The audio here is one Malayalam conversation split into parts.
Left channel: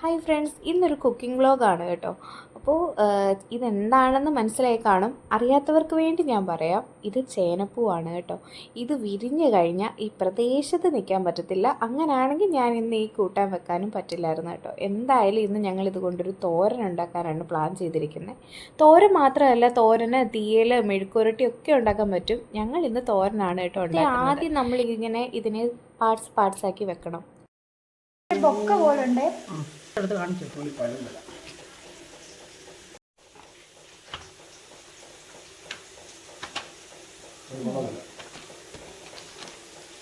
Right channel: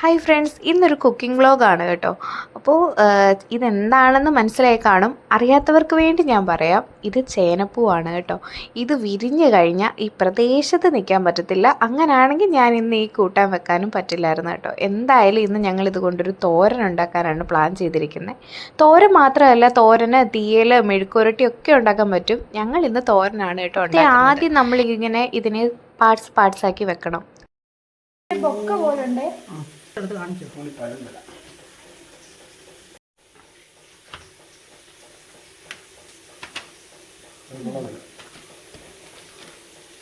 ഹായ് ഫ്രണ്ട്സ്, ഇന്നൊരു കുക്കിംഗ് വ്ളോഗാണ് കേട്ടോ. അപ്പോൾ ഇതെന്താണെന്ന് മനസ്സിലായി കാണും. അറിയാത്തവർക്ക് വേണ്ടി ഞാൻ പറയാം, ഇത് ചേനപ്പൂവാണ് കേട്ടോ. ഇത് വിരിഞ്ഞ് കഴിഞ്ഞാൽ ഈ പ്രദേശത്ത് നിൽക്കാൻ പറ്റത്തില്ല. അങ്ങനെയാണെങ്കിൽ ഞാൻ ഇന്ന് ഈ കൂട്ടാൻ വെക്കാനും പറ്റില്ലായിരുന്നു കേട്ടോ. എന്തായാലും ഇന്ന് ഞങ്ങൾ ഇതുകൊണ്ടൊരു തോരൻ ഉണ്ടാക്കാനാണ് പ്ലാൻ ചെയ്തിരിക്കുന്നത്. തോരൻ മാത്രമല്ല, തോരന് തീയൽ മെഴുക്കുരട്ടി ഒക്കെ ഉണ്ടാക്കാൻ പറ്റും. ഞങ്ങൾ ഇന്ന് തോരനാണ് കേട്ടോ ഉണ്ടാക്കുന്നത്. ആദ്യം നമ്മളിങ്ങനെ ഇതിനെ പാർട്സ് ആക്കി വെക്കണം. ബൊക്ക പോലുണ്ട്. എടുത്ത് കാണിച്ചു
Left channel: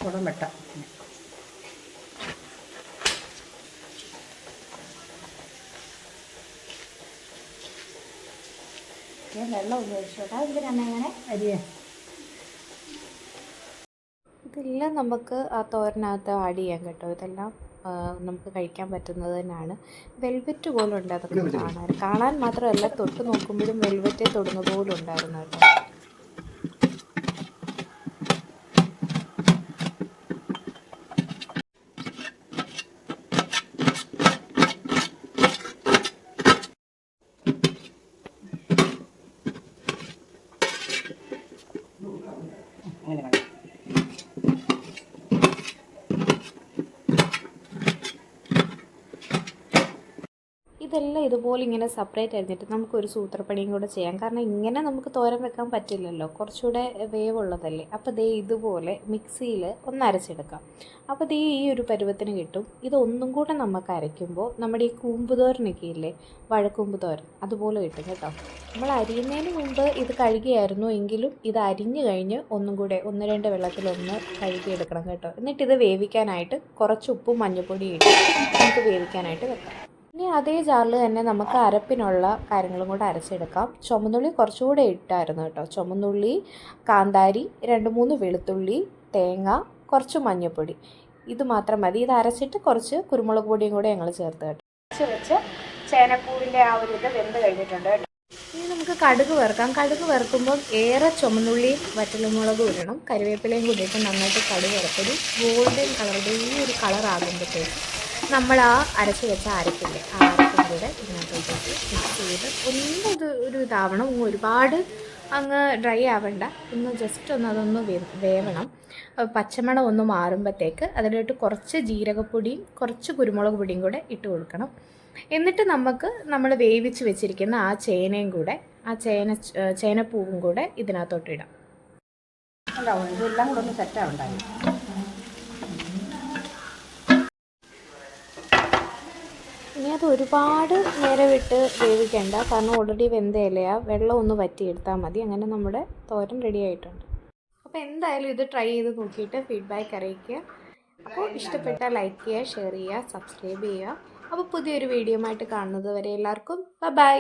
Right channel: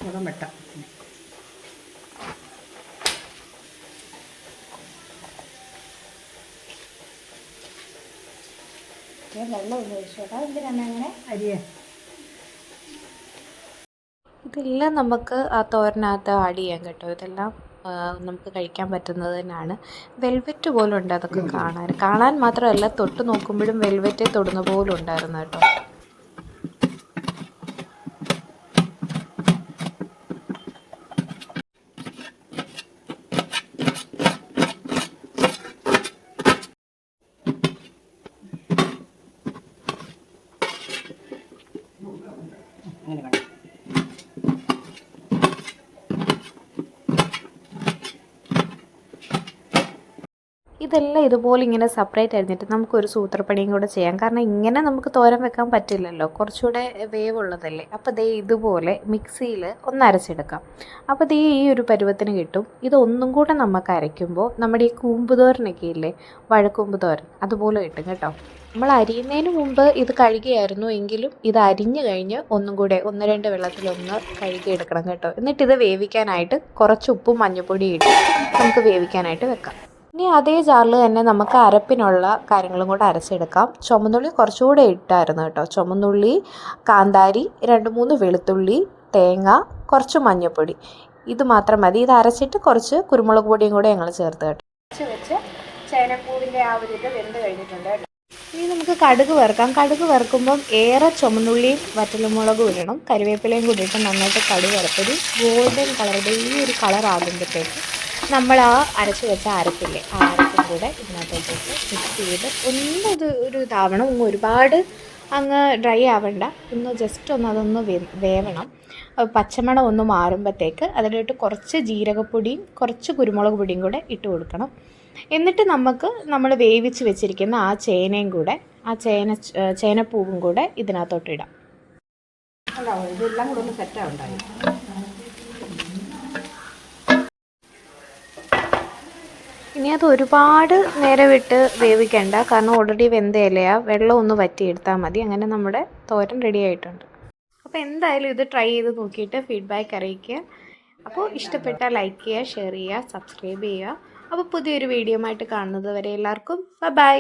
കുടം വെട്ട വെള്ളം ഉപയോഗിച്ചോട്ടാ. എന്തിനാണ് അങ്ങനെ അരിയേ ഇതെല്ലാം നമുക്ക് ആ തോരനകത്ത് ആഡ് ചെയ്യാം കേട്ടോ. ഇതെല്ലാം നമുക്ക് കഴിക്കാൻ പറ്റുന്നത് തന്നെയാണ്. വെൽവെറ്റ് പോലും ഉണ്ട് അതൊക്കെ കാണാൻ മാത്രമല്ല, തൊട്ട് നോക്കുമ്പോഴും വെൽവെറ്റ് തൊടുന്ന പോലും ഉണ്ടായിരുന്നു കേട്ടോ. ഇതെല്ലാം ഇതുപോലെ ഇങ്ങനെ സെപ്പറേറ്റ് അരിഞ്ഞിട്ട് നമുക്കൊരു സൂത്രപ്പണിയും കൂടെ ചെയ്യാം. കാരണം ഇങ്ങനെ നമുക്ക് തോരൻ വെക്കാൻ പറ്റില്ലല്ലോ, കുറച്ചുകൂടെ വേവുള്ളതല്ലേ. അപ്പോൾ ദേ ഇതുപോലെ മിക്സിയിൽ ഒന്ന് അരച്ചെടുക്കാം. അപ്പോൾ ദേ ഈ ഒരു പരുവത്തിന് കിട്ടും. ഇതൊന്നും കൂടെ നമുക്ക് അരയ്ക്കുമ്പോൾ നമ്മുടെ ഈ കൂമ്പ് തോരനൊക്കെ ഇല്ലേ, വഴക്കൂമ്പ് തോരൻ, അതുപോലെ കിട്ടും കേട്ടോ. നമ്മൾ അരിയുന്നതിന് മുമ്പ് ഇത് കഴുകിയായിരുന്നു എങ്കിലും ഇത് അരിഞ്ഞു കഴിഞ്ഞ് ഒന്നും കൂടെ 1-2 വെള്ളത്തിലൊന്ന് കഴുകിയെടുക്കണം കേട്ടോ. എന്നിട്ടിത് വേവിക്കാനായിട്ട് കുറച്ച് ഉപ്പും മഞ്ഞൾപ്പൊടിയും ഇട്ട് നമുക്ക് വേവിക്കാനായിട്ട് വെക്കാം. ഇനി അതേ ജാറിൽ തന്നെ നമുക്ക് അരപ്പിനുള്ള കാര്യങ്ങളും കൂടെ അരച്ചെടുക്കാം. ചുമന്നുള്ളി കുറച്ചുകൂടെ ഇട്ടായിരുന്നു കേട്ടോ. ചുമന്നുള്ളി, കാന്താരി, 2-3 വെളുത്തുള്ളി, തേങ്ങ, കുറച്ച് മഞ്ഞൾപ്പൊടി, ഇത് മാത്രം മതി. ഇത് അരച്ചിട്ട് കുറച്ച് കുരുമുളക് പൊടിയും കൂടെ ഞങ്ങൾ ചേർത്ത് കേട്ടോ. വെച്ച് ചേനപ്പൂവിൻ്റെ ആ ഒരു ഇത് വെന്ത് കഴിഞ്ഞിട്ടുണ്ട് കേട്ടോ. ഇനി നമുക്ക് കടുക് വറുക്കാം. കടുക് വറുക്കുമ്പം ഏറെ ചുമന്നുള്ളിയും വറ്റൽമുളകും ഇടണം. കരിവേപ്പിലയും കൂടി ഇട്ട് നന്നായിട്ട് കടുക് വറുത്തൊരു ഗോൾഡൻ കളറുടെ ഈ ഒരു കളർ ആകുമ്പോഴത്തേക്ക് നമ്മൾ ആ അരച്ച് വെച്ച അരപ്പില്ലേ, ആ അരപ്പും കൂടെ ഇതിനകത്തേക്ക് മിക്സ് ചെയ്ത് ഒരു ഇതാവണം. ഒരുപാട് അങ്ങ് ഡ്രൈ ആവണ്ട, ഒന്ന് ജസ്റ്റ് ഒന്ന് അതൊന്ന് വേവണം. പച്ചമണം ഒന്ന് മാറുമ്പോഴത്തേക്ക് അതിലോട്ട് കുറച്ച് ജീരകപ്പൊടിയും കുറച്ച് കുരുമുളക് പൊടിയും കൂടെ ഇട്ട് കൊടുക്കണം. എന്നിട്ട് നമ്മൾ വേവിച്ച് വെച്ചിരിക്കുന്ന ആ ചേനയും കൂടെ, ആ ചേനപ്പൂവും കൂടെ ഇതിനകത്തോട്ട് ഇടാം. ഉണ്ടാവും. ഇതെല്ലാം കൂടെ ഒന്ന് സെറ്റാവുണ്ടായി. ഇനി അത് ഒരുപാട് നേരം വിട്ട് വേവിക്കേണ്ട, കാരണം ഓൾറെഡി വെന്ത ഇലയാണ്. വെള്ളം ഒന്ന് വറ്റിയെടുത്താൽ മതി. അങ്ങനെ നമ്മുടെ തോരൻ റെഡി ആയിട്ടുണ്ട്. അപ്പോൾ എന്തായാലും ഇത് ട്രൈ ചെയ്ത് നോക്കിയിട്ട് ഫീഡ്ബാക്ക് അറിയിക്കുക. അപ്പോൾ ഇഷ്ടപ്പെട്ടാൽ ലൈക്ക് ചെയ്യുക, ഷെയർ ചെയ്യുക, സബ്സ്ക്രൈബ് ചെയ്യുക. അപ്പോൾ പുതിയൊരു വീഡിയോ ആയിട്ട് കാണുന്നത് വരെ എല്ലാവർക്കും ബൈ.